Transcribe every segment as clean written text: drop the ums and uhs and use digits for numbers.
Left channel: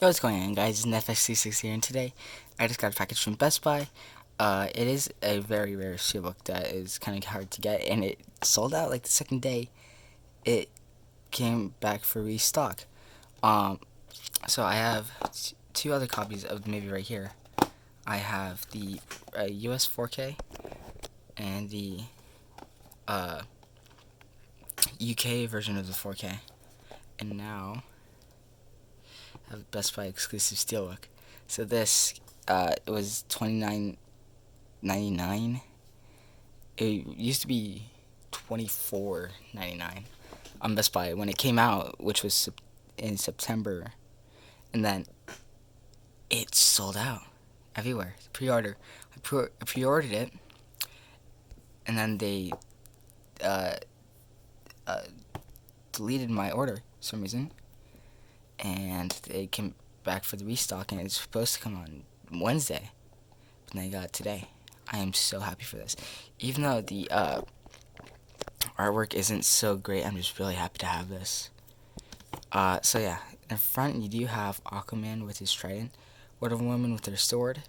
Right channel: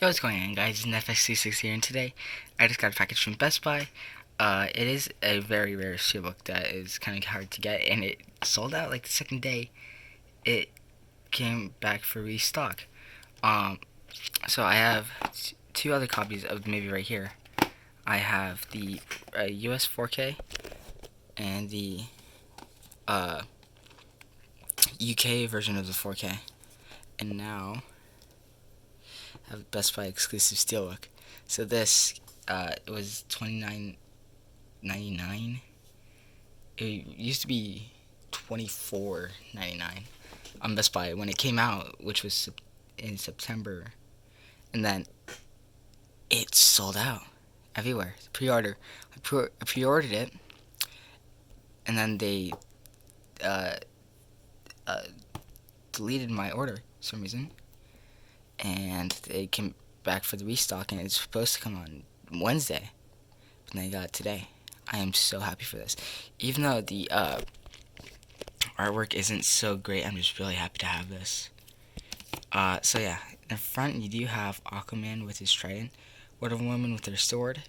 Yo, what's going on, guys? It's FX36 here, and today I just got a package from Best Buy. It is a very rare steelbook that is kind of hard to get, and it sold out like the second day it came back for restock. Um, so I have two other copies of maybe right here. I have the US 4K and the UK version of the 4K, and now have Best Buy exclusive steelbook. So this it was $29.99. It used to be $24.99 on Best Buy when it came out, which was in September, and then it sold out everywhere. Pre-order. I pre-ordered it, and then they uh, uh, deleted my order for some reason, and they came back for the restock, and it's supposed to come on Wednesday, but they got it today. I am so happy for this. Even though the artwork isn't so great, I'm just really happy to have this. So yeah, in front you do have Aquaman with his trident, Wonder Woman with her sword,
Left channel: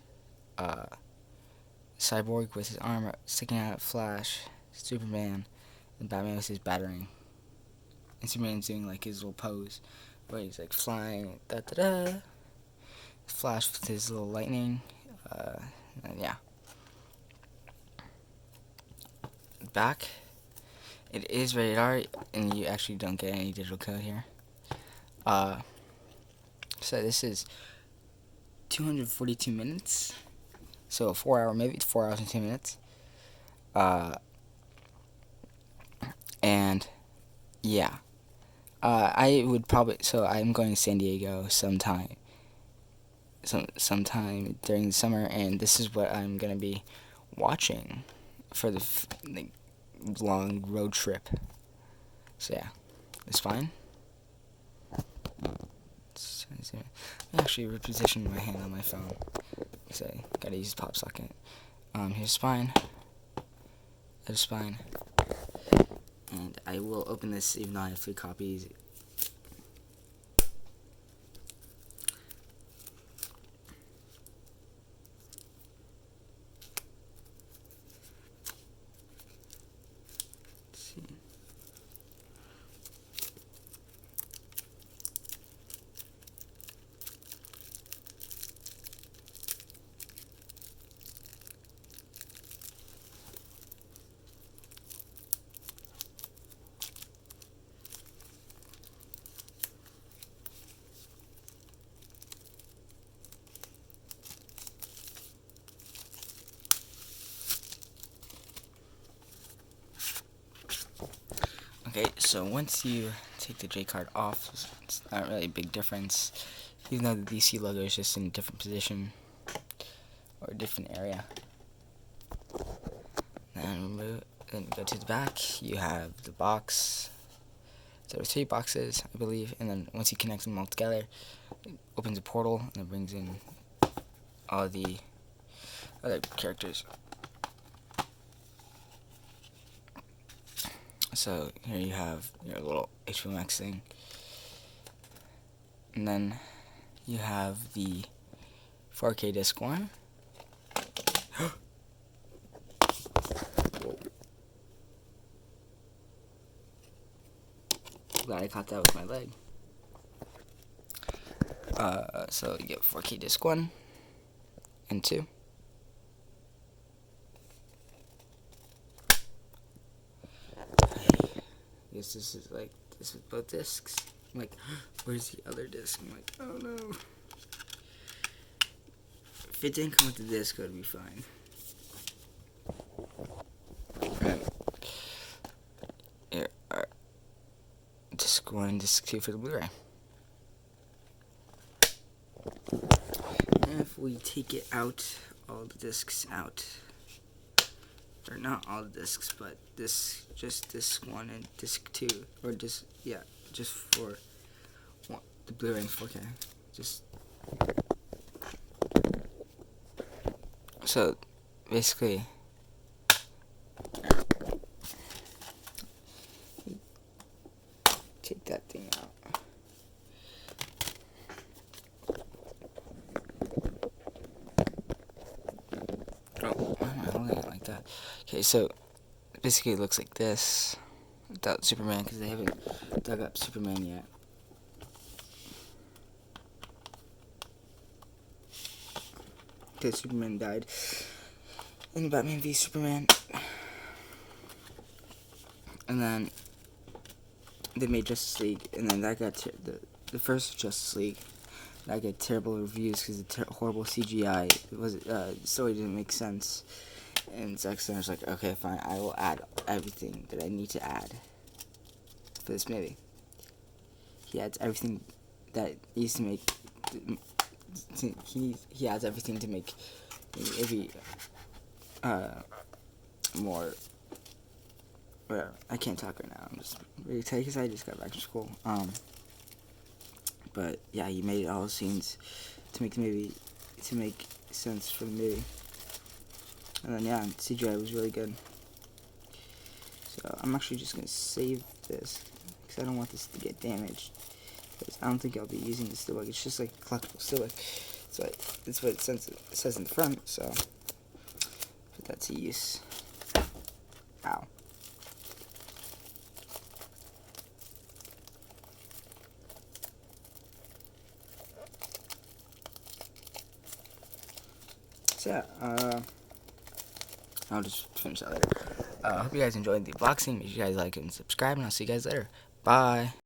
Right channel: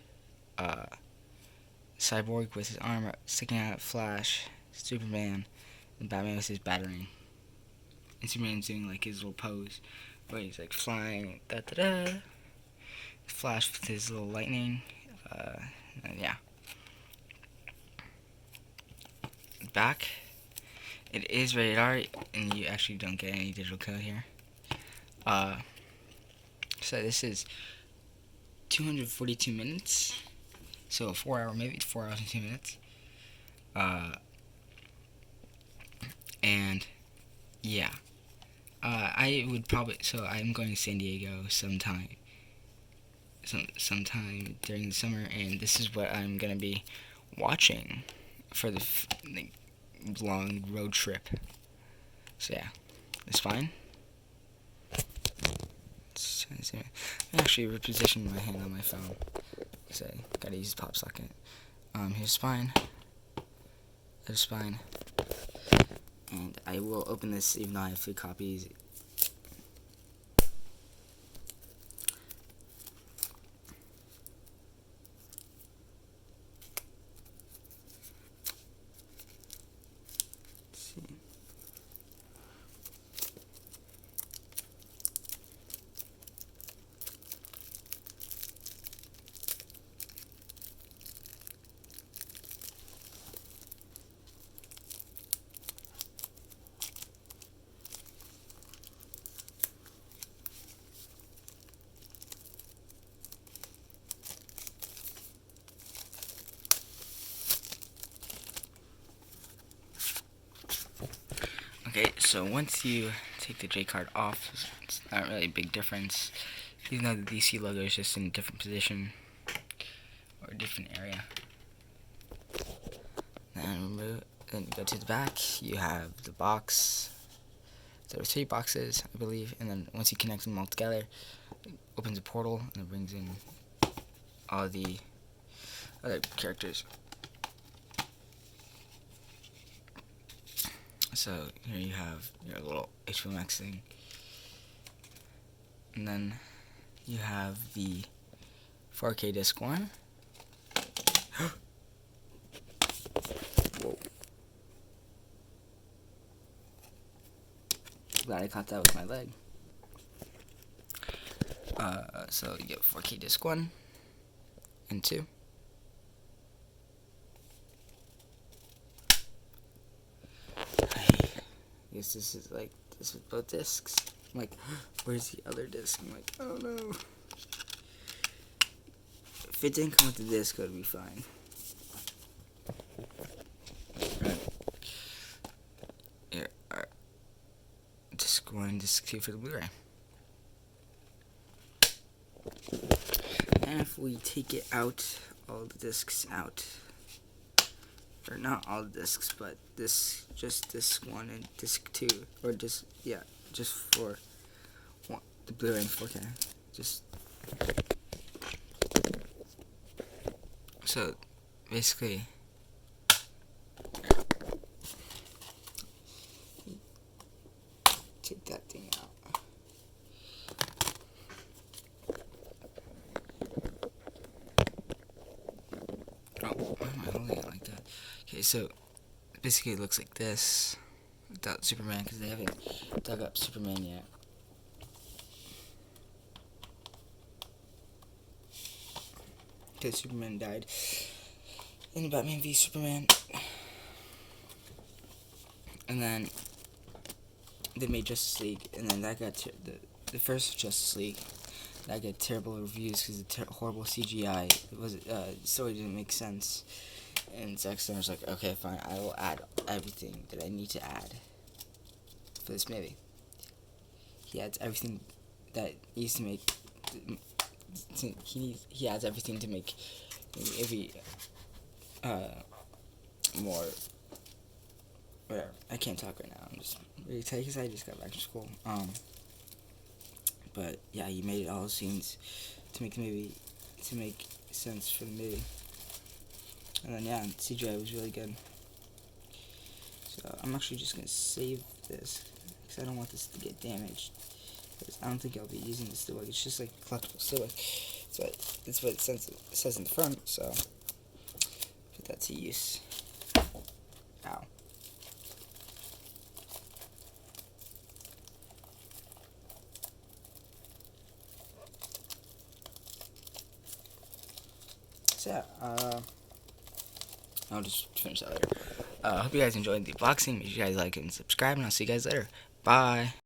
Cyborg with his armor sticking out, Flash, Superman, and Batman with his battering. And Superman's doing like his little pose where he's like flying, da da da. Flash with his little lightning, and yeah. Back, it is rated R, and you actually don't get any digital code here. So this is 242 minutes, so 4 hour, maybe 4 hours and 2 minutes. And yeah, I would probably, so I'm going to San Diego sometime during the summer, and this is what I'm gonna be watching for the long road trip. So yeah, it's fine. Let me actually reposition my hand on my phone. So gotta use the pop socket. Here's spine. There's spine. And I will open this even though I have 3 copies. Let's see. Okay, so once you take the J card off, it's not really a big difference, even though the DC logo is just in a different position or a different area. Then go to the back. You have the box. There are 3 boxes, I believe, and then once you connect them all together, it opens a portal and it brings in all the other characters. So here you have your little HBO Max thing, and then you have the 4K disc 1. Whoa. Glad I caught that with my leg. So you get 4K disc 1 and 2. I guess this is like this with both discs. I'm like, where's the other disc? I'm like, oh no. If it didn't come with the disc, it would be fine. Right. Here are disc 1 and disc 2 for the Blu-ray. And if we take it out, all the discs out. Or not all the discs, but just disc 1 and disc 2, or just for the Blu-ray and 4K. Just so basically, take that thing out. Oh, why am I holding it like that? Okay, so basically it looks like this without Superman because they haven't dug up Superman yet. Okay, Superman died in Batman v Superman, and then they made Justice League, and then that got the first Justice League that got terrible reviews because of horrible CGI. It was the story didn't make sense, and Zack Snyder's like, okay, fine, I will add everything that I need to add for this movie. He adds everything that needs to make. He adds everything to make maybe more. Whatever. I can't talk right now. I'm just really excited because I just got back to school. But yeah, he made all the scenes to make the movie to make sense for the movie. And then yeah, CGI was really good. So I'm actually just gonna save this because I don't want this to get damaged. Because I don't think I'll be using the steelbook. It's just like collectible steelbook. That's what it says in the front. So put that to use. Ow. So yeah, I'll just finish that later. I hope you guys enjoyed the unboxing. Make sure you guys like and subscribe, and I'll see you guys later. Bye.